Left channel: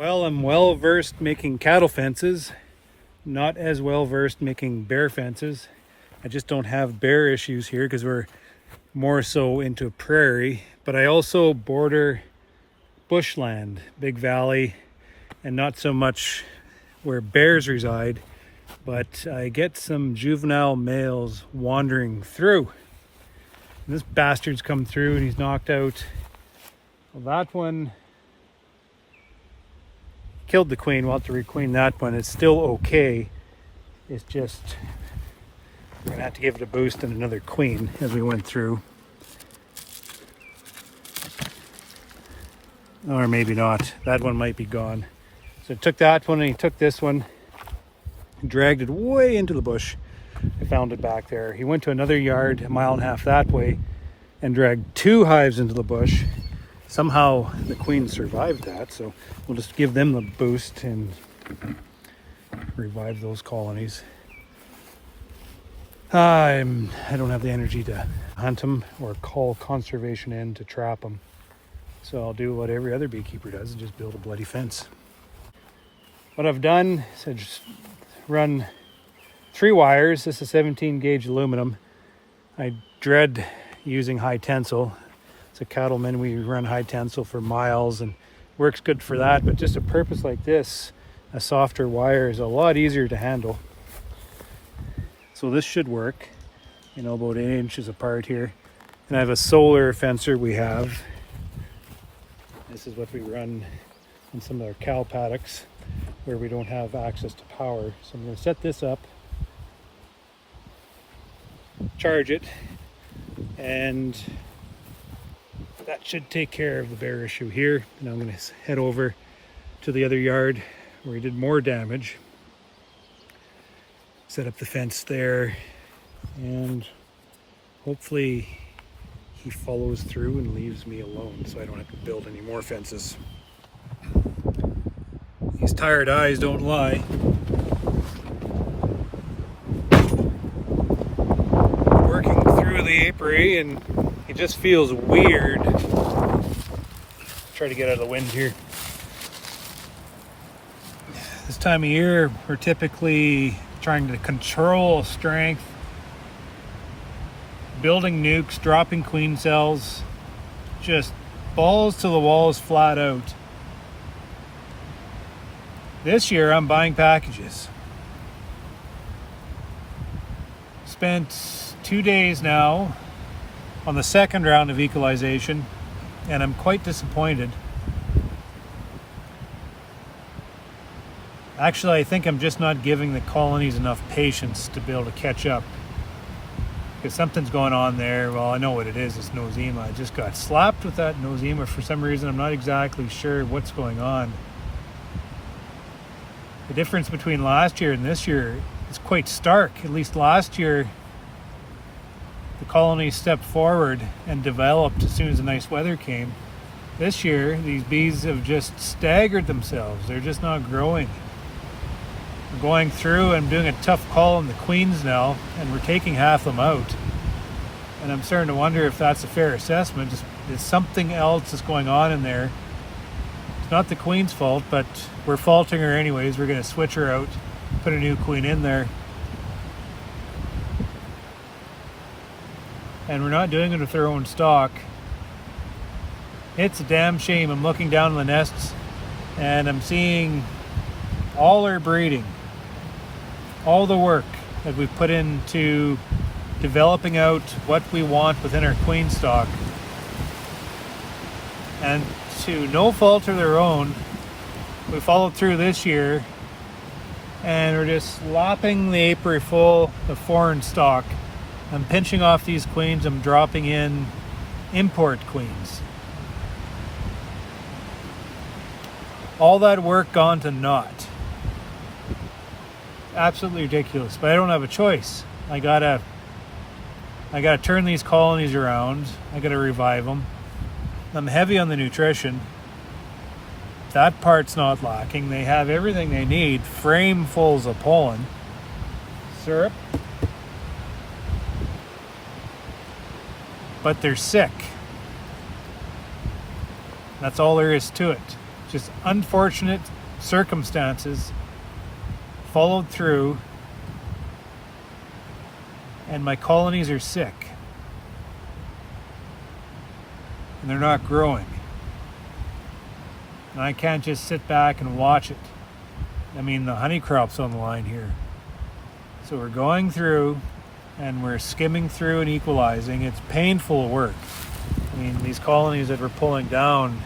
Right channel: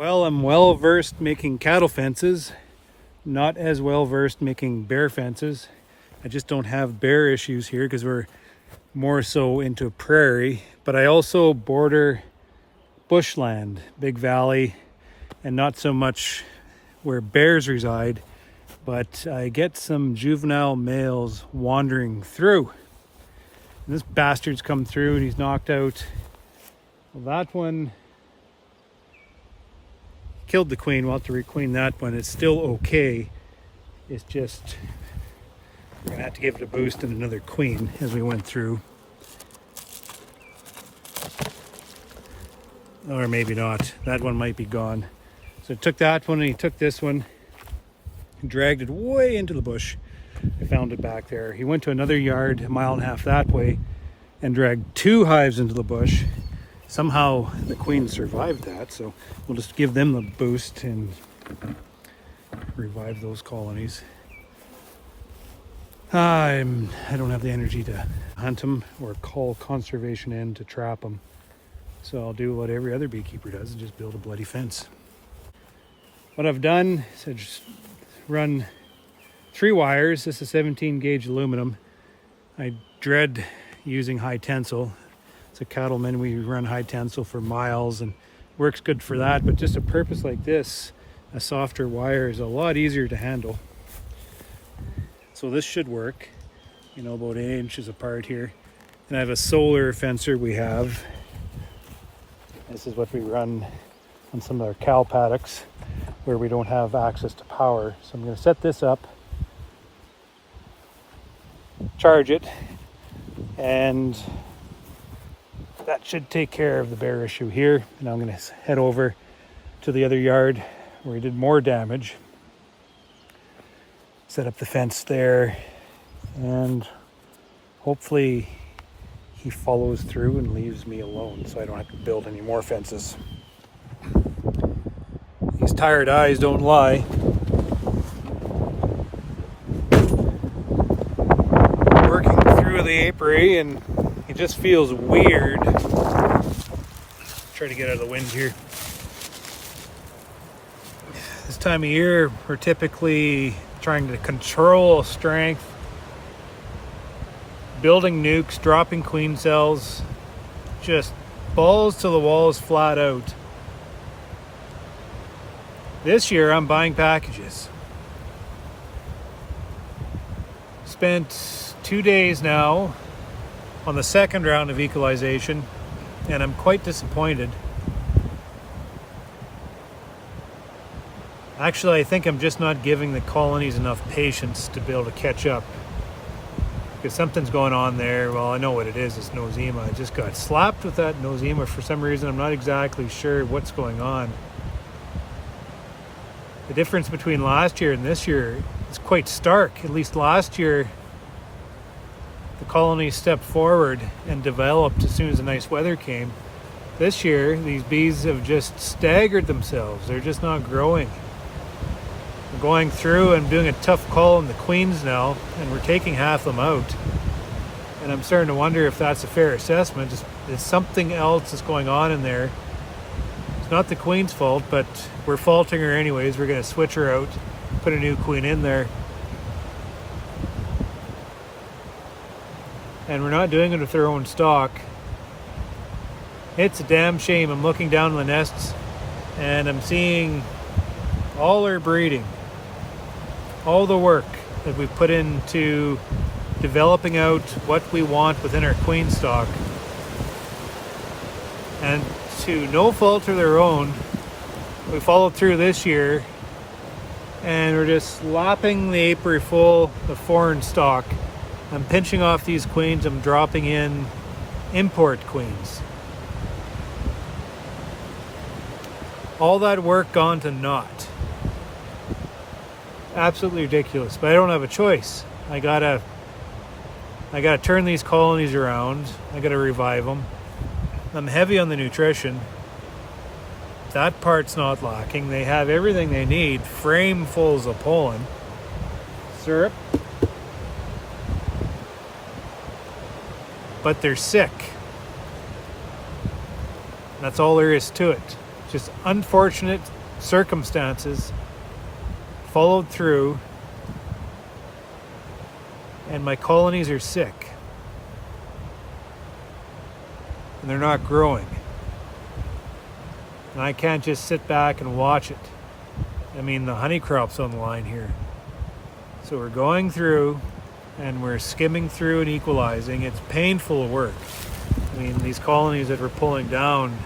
Well, I'm well versed making cattle fences, not as well versed making bear fences. I just don't have bear issues here because we're more so into a prairie, but I also border bushland, big valley, and not so much where bears reside, but I get some juvenile males wandering through. And this bastard's come through and he's knocked out, well, that one killed the queen. We'll have to requeen that one. It's still okay. It's just, we're gonna have to give it a boost and another queen as we went through. Or maybe not. That one might be gone. So I took that one and he took this one, dragged it way into the bush. I found it back there. He went to another yard, 1.5 miles that way, and dragged 2 hives into the bush. Somehow the queen survived that, so we'll just give them the boost and revive those colonies. I don't have the energy to hunt them or call conservation in to trap them. So I'll do what every other beekeeper does and just build a bloody fence. What I've done is I just run 3 wires. This is 17 gauge aluminum. I dread using high tensile. As a cattleman, we run high tensile for miles and works good for that, but just a purpose like this, a softer wire is a lot easier to handle. So this should work, about 8 inches apart here. And I have a solar fencer we have. This is what we run on some of our cow paddocks where we don't have access to power. So I'm going to set this up, charge it, and that should take care of the bear issue here. And I'm going to head over to the other yard where he did more damage. Set up the fence there, and hopefully he follows through and leaves me alone so I don't have to build any more fences. These tired eyes don't lie. Working through the apiary and it just feels weird. Try to get out of the wind here. This time of year, we're typically trying to control strength, building nucs, dropping queen cells, just balls to the walls flat out. This year, I'm buying packages. Spent 2 days now on the second round of equalization, and I'm quite disappointed. Actually, I think I'm just not giving the colonies enough patience to be able to catch up. Because something's going on there. Well, I know what it is. It's nosema. I just got slapped with that nosema for some reason. I'm not exactly sure what's going on. The difference between last year and this year is quite stark. At least last year, the colonies stepped forward and developed as soon as the nice weather came. This year, these bees have just staggered themselves. They're just not growing. We're going through and doing a tough call on the queens now, and we're taking half them out. And I'm starting to wonder if that's a fair assessment. There's something else that's going on in there. It's not the queen's fault, but we're faulting her anyways. We're going to switch her out, put a new queen in there. And we're not doing it with their own stock. It's a damn shame. I'm looking down the nests and I'm seeing all our breeding, all the work that we've put into developing out what we want within our queen stock. And to no fault of their own, we followed through this year and we're just lopping the apiary full of foreign stock. I'm pinching off these queens. I'm dropping in import queens. All that work gone to naught. Absolutely ridiculous, but I don't have a choice. I gotta turn these colonies around. I gotta revive them. I'm heavy on the nutrition. That part's not lacking. They have everything they need. Framefuls of pollen, syrup. But they're sick. That's all there is to it. just unfortunate circumstances followed through, and my colonies are sick. And they're not growing. And I can't just sit back and watch it. I mean, the honey crop's on the line here. So we're going through and we're skimming through and equalizing. It's painful work. I mean, these colonies that we're pulling down,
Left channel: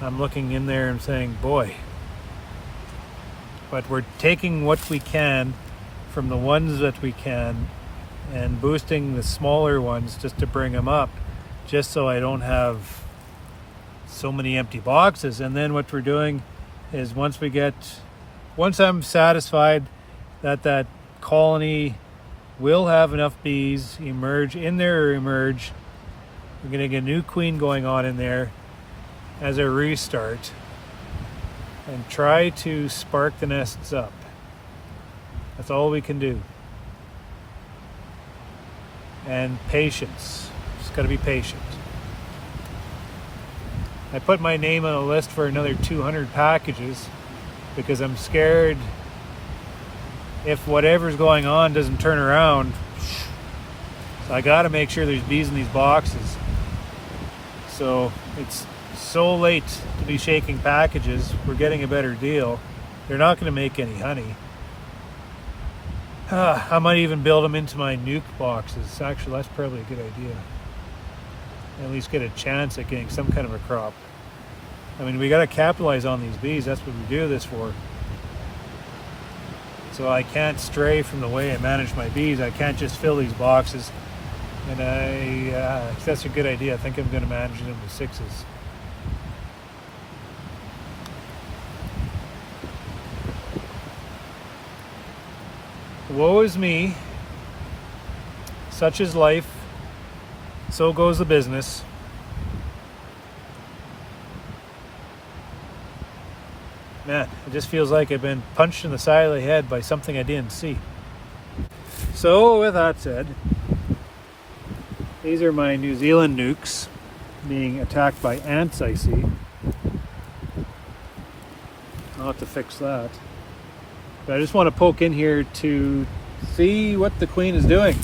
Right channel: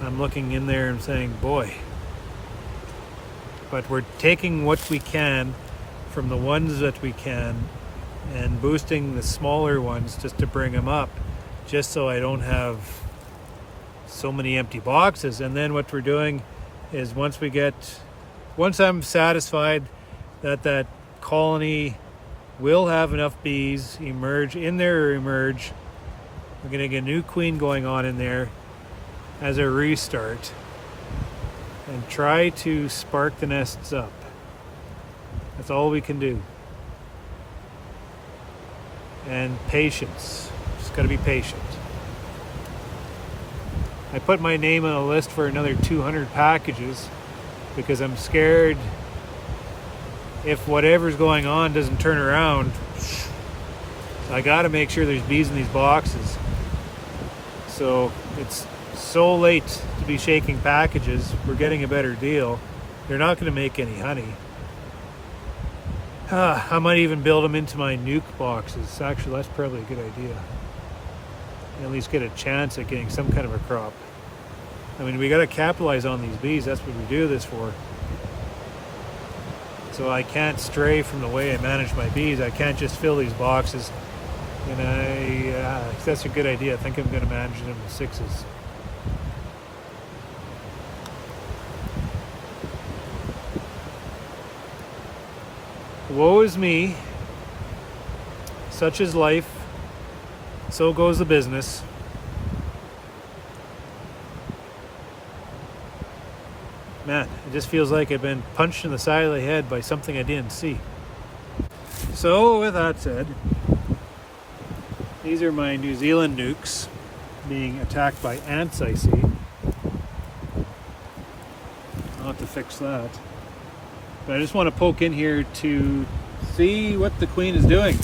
I'm looking in there and saying, boy. But we're taking what we can from the ones that we can and boosting the smaller ones just to bring them up, just so I don't have so many empty boxes. And then what we're doing is once I'm satisfied that that colony will have enough bees emerge in there or emerge, we're going to get a new queen going on in there as a restart and try to spark the nests up. That's all we can do. And patience. Just got to be patient. I put my name on a list for another 200 packages because I'm scared if whatever's going on doesn't turn around. So I got to make sure there's bees in these boxes. So it's so late to be shaking packages. We're getting a better deal. They're not going to make any honey. I might even build them into my nuke boxes. Actually, that's probably a good idea. At least get a chance at getting some kind of a crop. I mean, we got to capitalize on these bees. That's what we do this for. So I can't stray from the way I manage my bees. I can't just fill these boxes. And that's a good idea. I think I'm going to manage them with 6s. Woe is me. Such is life. So goes the business. Man, it just feels like I've been punched in the side of the head by something I didn't see. So with that said, these are my New Zealand nucs being attacked by ants, I see. I'll have to fix that. But I just want to poke in here to see what the queen is doing.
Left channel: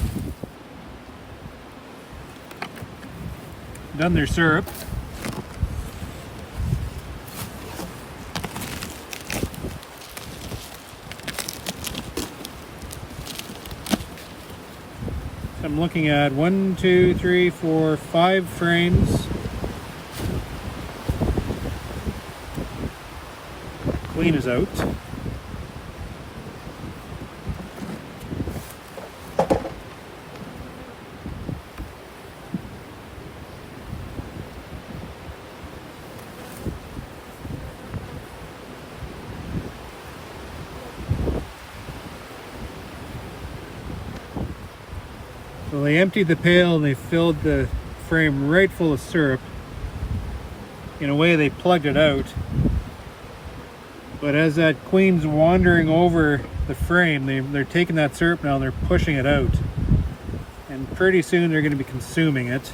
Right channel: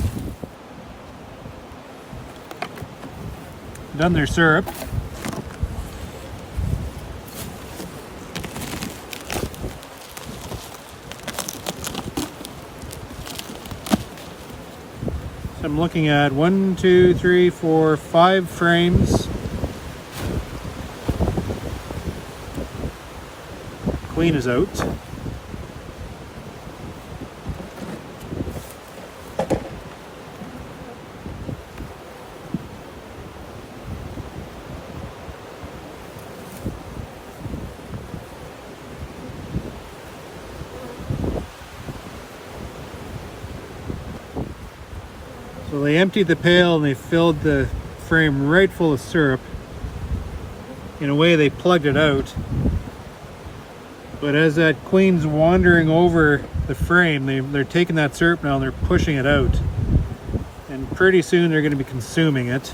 Done their syrup. I'm looking at 1, 2, 3, 4, 5 frames. Queen is out. So they emptied the pail and they filled the frame right full of syrup. In a way, they plugged it out. But as that queen's wandering over the frame, they're taking that syrup now and they're pushing it out. And pretty soon they're going to be consuming it.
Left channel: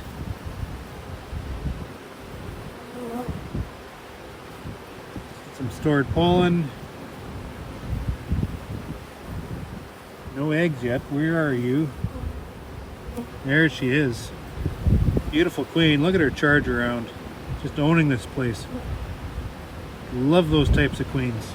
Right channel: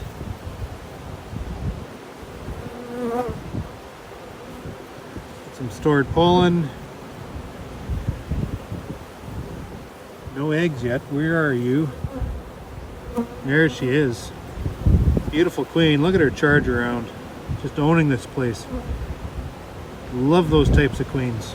Some stored pollen. No eggs yet. Where are you? There she is. Beautiful queen. Look at her charge around. Just owning this place. Love those types of queens.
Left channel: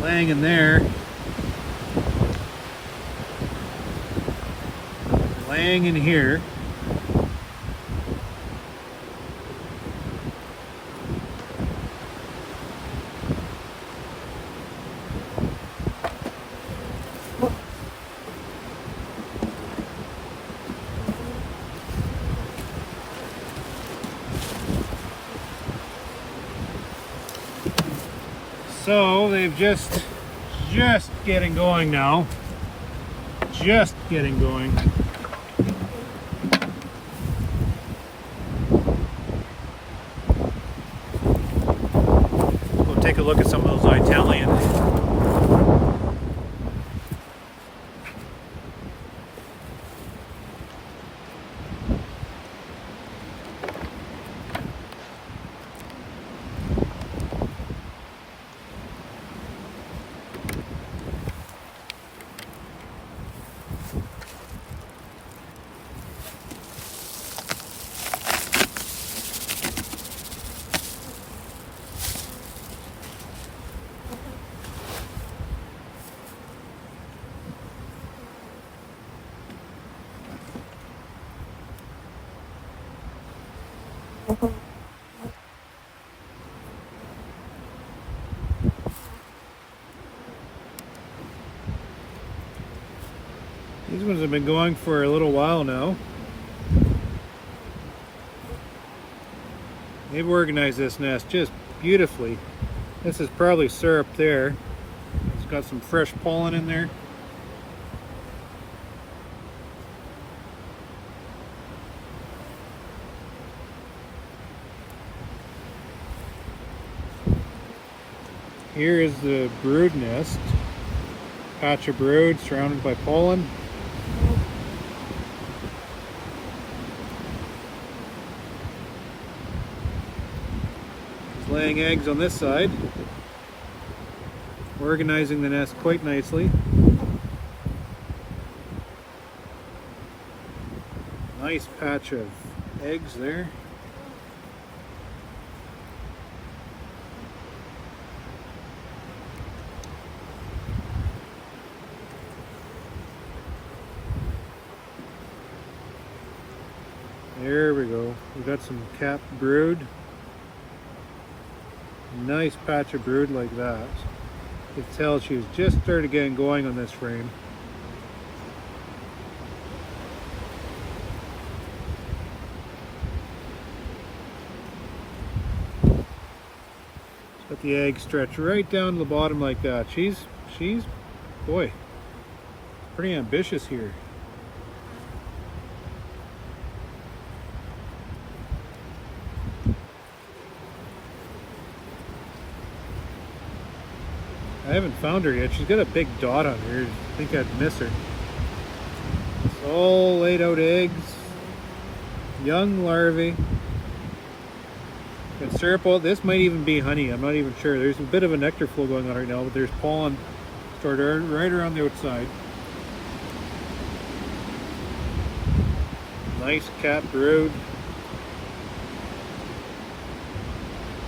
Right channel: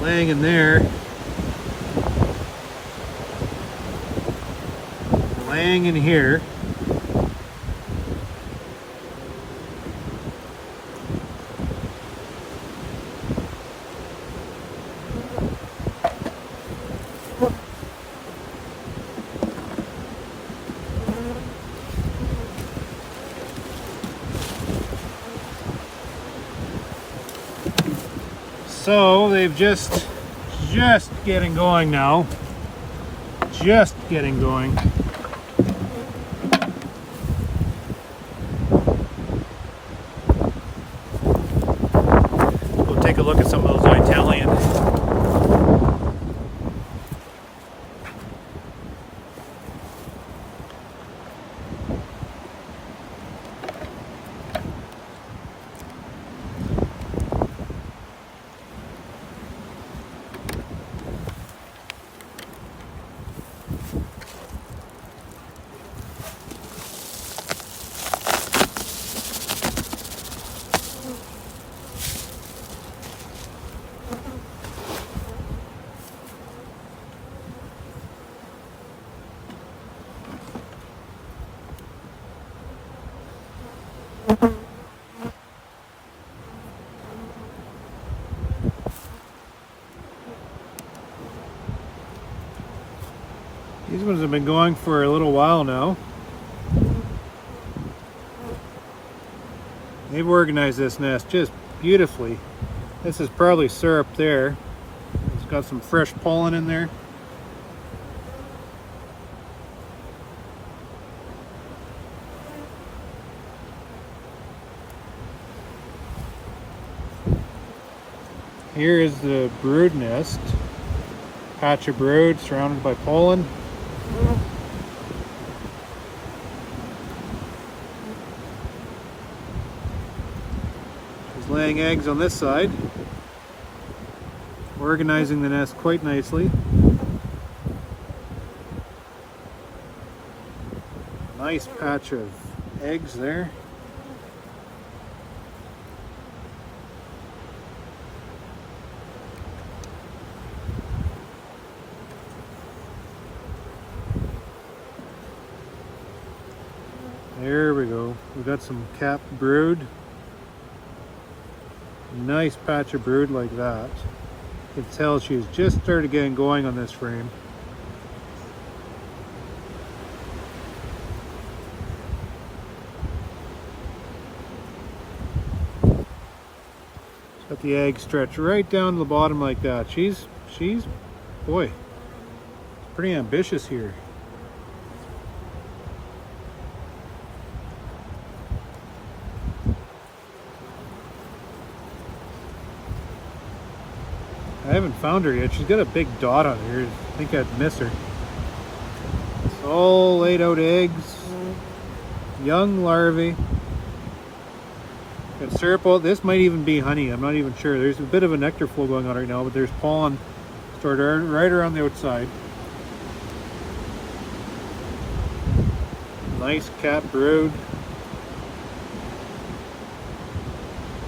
Laying in there. Laying in here. So they've just getting going now. Just getting going. go take a look at some of those Italian. These ones have been going for a little while now. They've organized this nest just beautifully. This is probably syrup there. It's got some fresh pollen in there. Here is the brood nest. Patch of brood surrounded by pollen. It's laying eggs on this side. Organizing the nest quite nicely. Nice patch of eggs there. There we go. We got some capped brood. Nice patch of brood like that. You can tell she's just started getting going on this frame. Let the egg stretch right down to the bottom like that. She's boy, pretty ambitious here. I haven't found her yet. She's got a big dot on here. I think I'd miss her. It's all laid out eggs. Young larvae. Got syrup. This might even be honey. I'm not even sure. There's a bit of a nectar flow going on right now, but there's pollen stored right around the outside. Nice cat brood.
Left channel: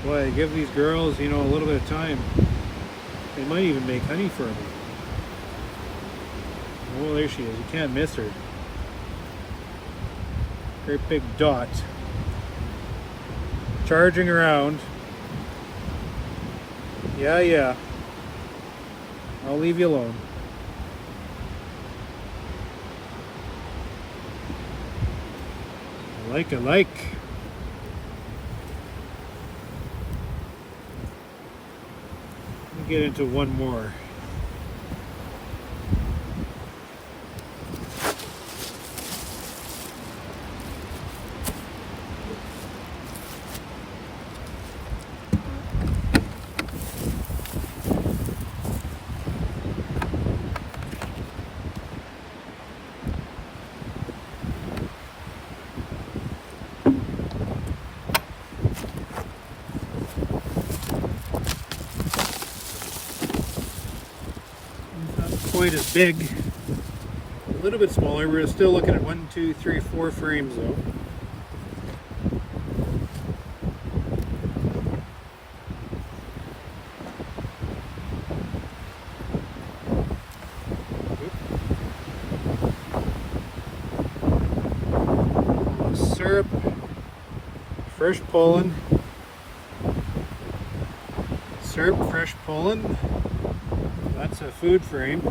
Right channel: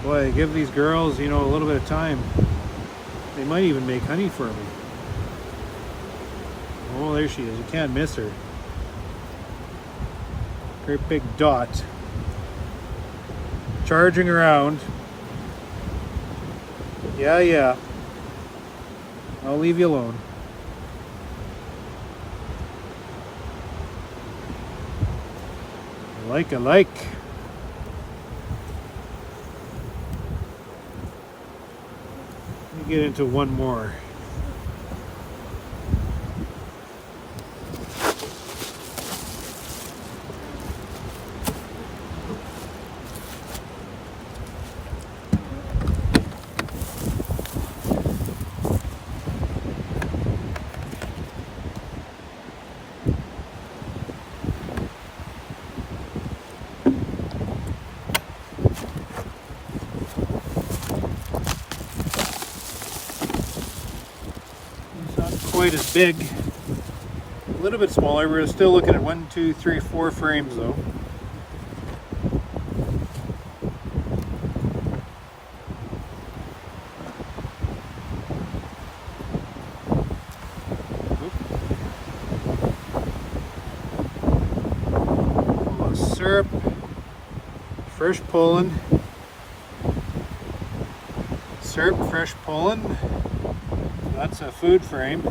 Boy, give these girls, you know, a little bit of time. They might even make honey for me. Oh, there she is. You can't miss her. Great big dot. Charging around. Yeah. I'll leave you alone. I like. Get into one more. Quite as big, a little bit smaller. We're still looking at 1, 2, 3, 4 frames though. Syrup, fresh pollen, syrup, fresh pollen. That's a food frame.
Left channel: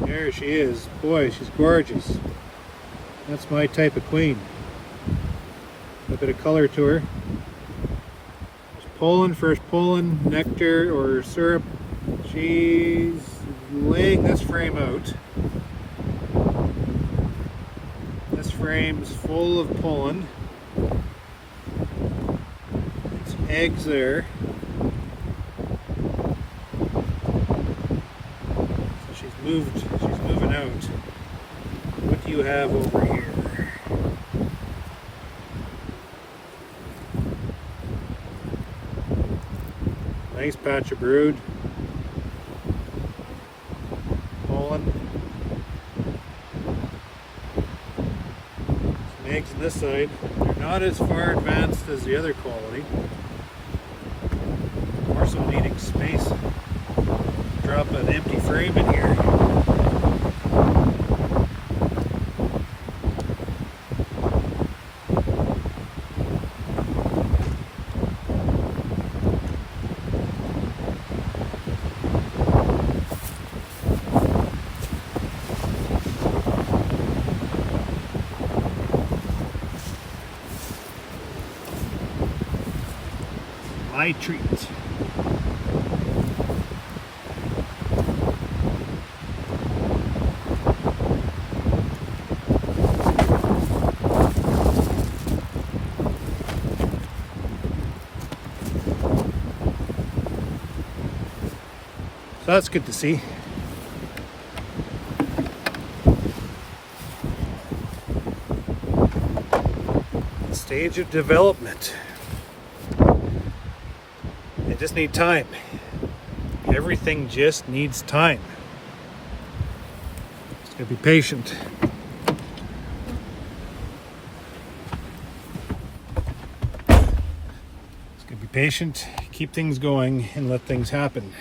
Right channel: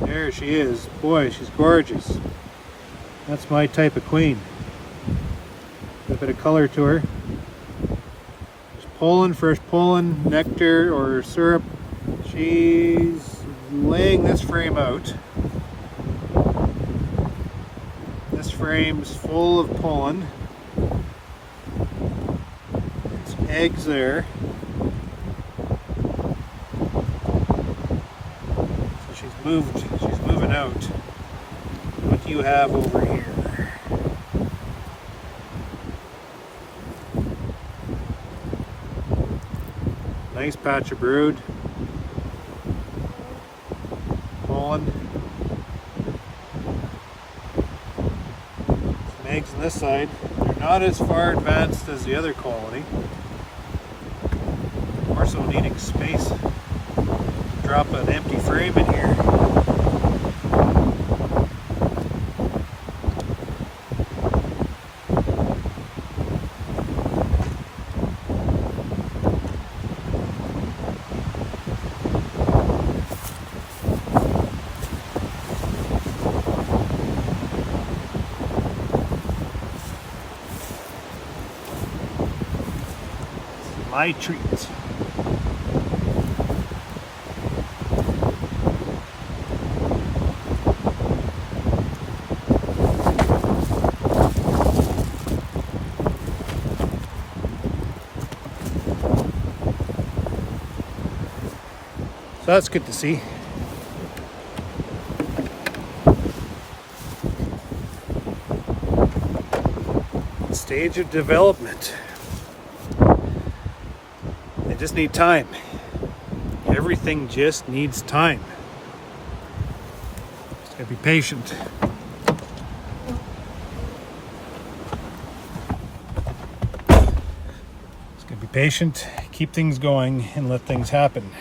There she is. Boy, she's gorgeous. That's my type of queen. A bit of color to her. There's pollen, fresh pollen, nectar or syrup. She's laying this frame out. This frame's full of pollen. There's eggs there. So she's moving out. What do you have over here? Nice patch of brood. Pollen. Some eggs on this side. They're not as far advanced as the other colony. More so needing space. Drop an empty frame in here. My treat. So that's good to see. Stage of development. They just need time. Everything just needs time. Just gotta be patient. Just gotta be patient, keep things going, and let things happen.